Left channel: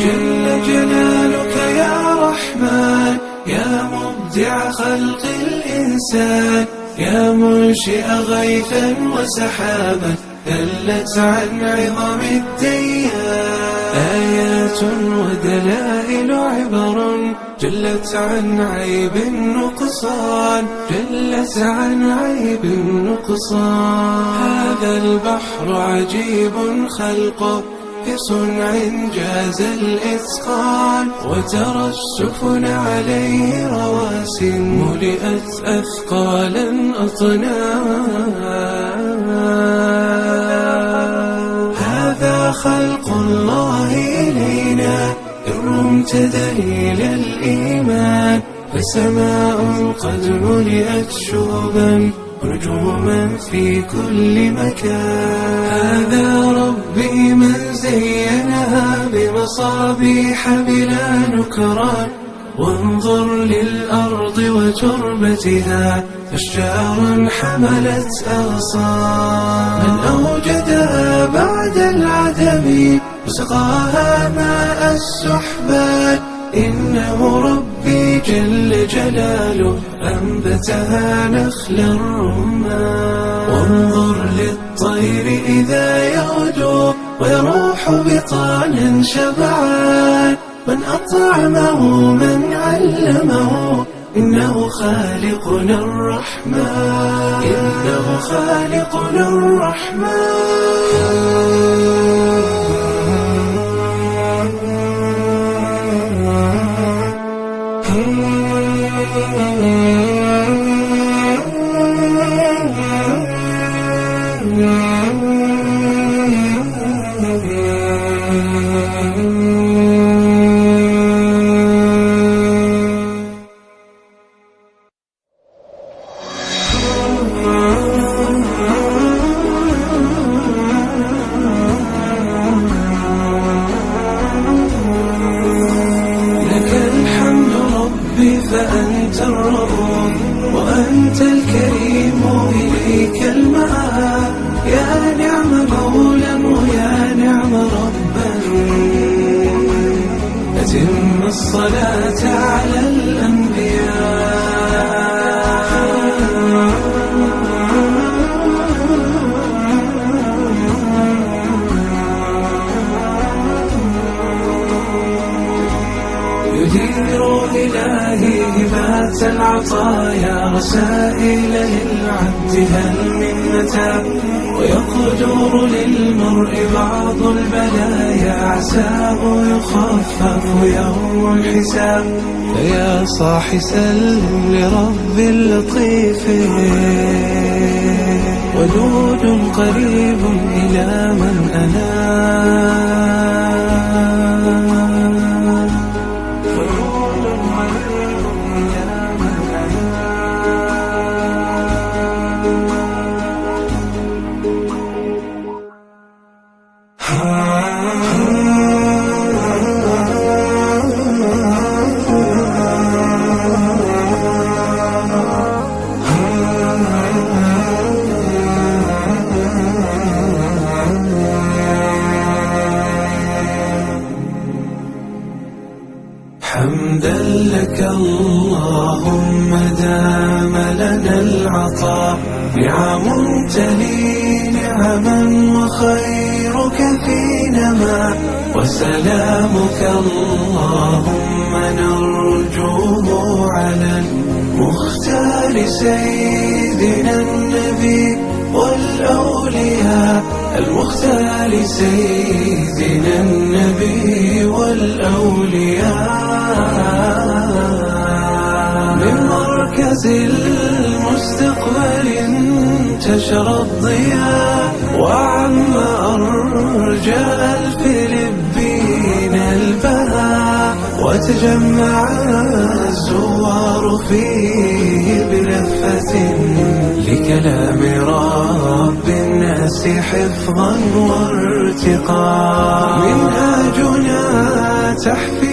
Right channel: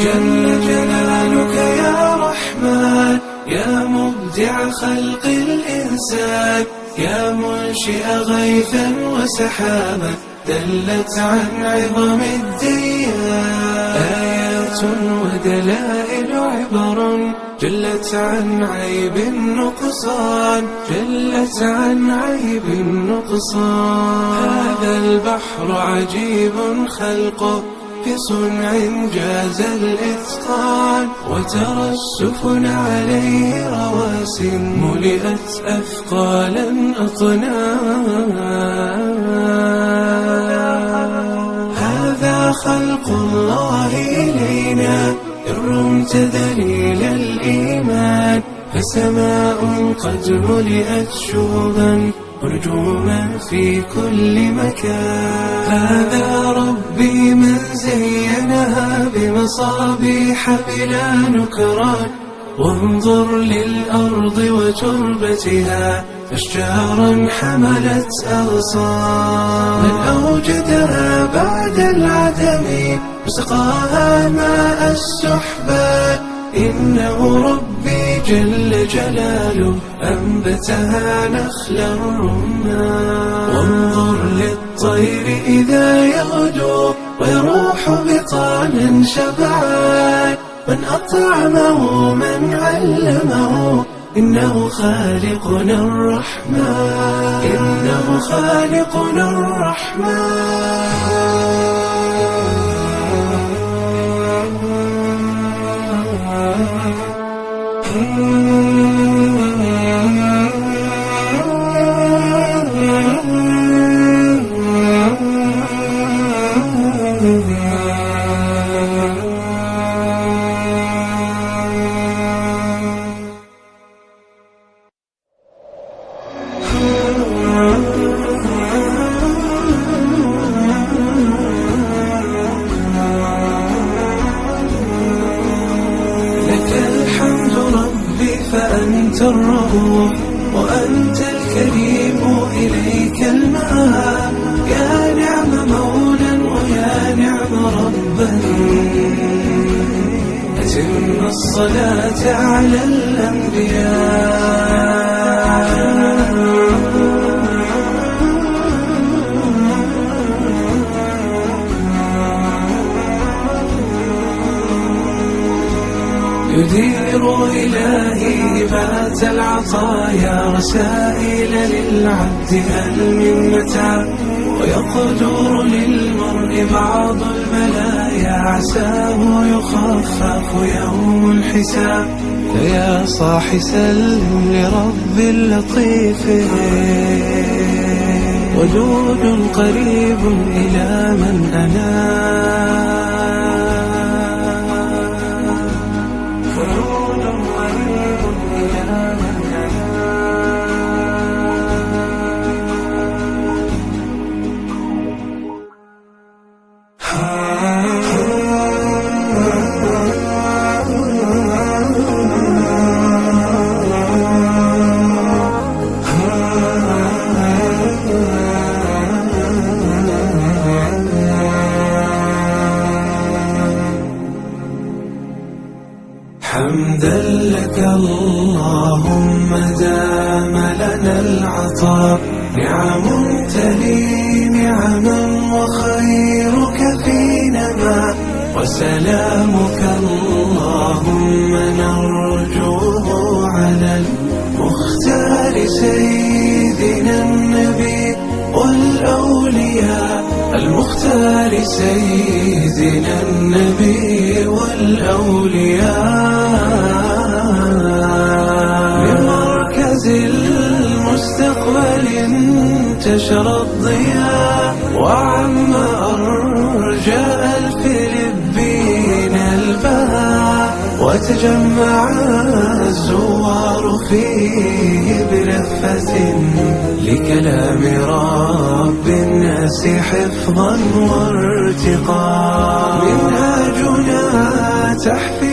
جل جلالك يا رحمن يا مبدع خلق الإنسان يا منشئ غيثا وسحابا دلت عن عظم الديان آيات ودلائل عبر جلت عن عيب النقصان جلت عن عيب النقصان هذا البحر عجيب خلقه في صنع جاز الإتقان وترى السفن عليه رواس ملئت أثقالا أطنان هذا خلق الله إلينا إن رمت دليل الإيمان فسماء قد ملئت شهبا ونجوما في كل مكان هذا ربي من زينها بمصابيح بلا نكران وانظر للأرض وتربتها أشجارا حملت أغصان من أوجدها بعد العدم وسقاها ماء السحبان إنه ربي جل جلاله أنبتها نخل الرمان وانظر للطير إذا يغدو ويروح بطانا شبعان من أطعمه من علمه إنه خالقنا الرحمن إنه خالقنا الرحمن فأنت الرؤوف وأنت الكريم إليك المآب يا نعم مولا ويا نعم ربا أتم الصلاة على الأنبياء يدير إلهي هبات العطايا رسائل للعبد هل من متاب ويقدر للمرء بعض البلايا عساه يخفف يوم الحساب فيا صاح سلم لرب لطيف ودود قريب إلى من أناب ودود قريب إلى من حمدا لك اللهم دام لنا العطاء نعم تلي نعما وخيرك فينا ما وسلامك اللهم نرجوه على المختار سيدنا النبي والأولياء المختار سيدنا النبي والأولياء المستقبل انتشر الضياء وعم أرجاء الفلبين البهاء وتجمع الزوار فيه بلفة لكلام رب الناس الناس حفظا وارتقاء. منهاجنا تحفيظ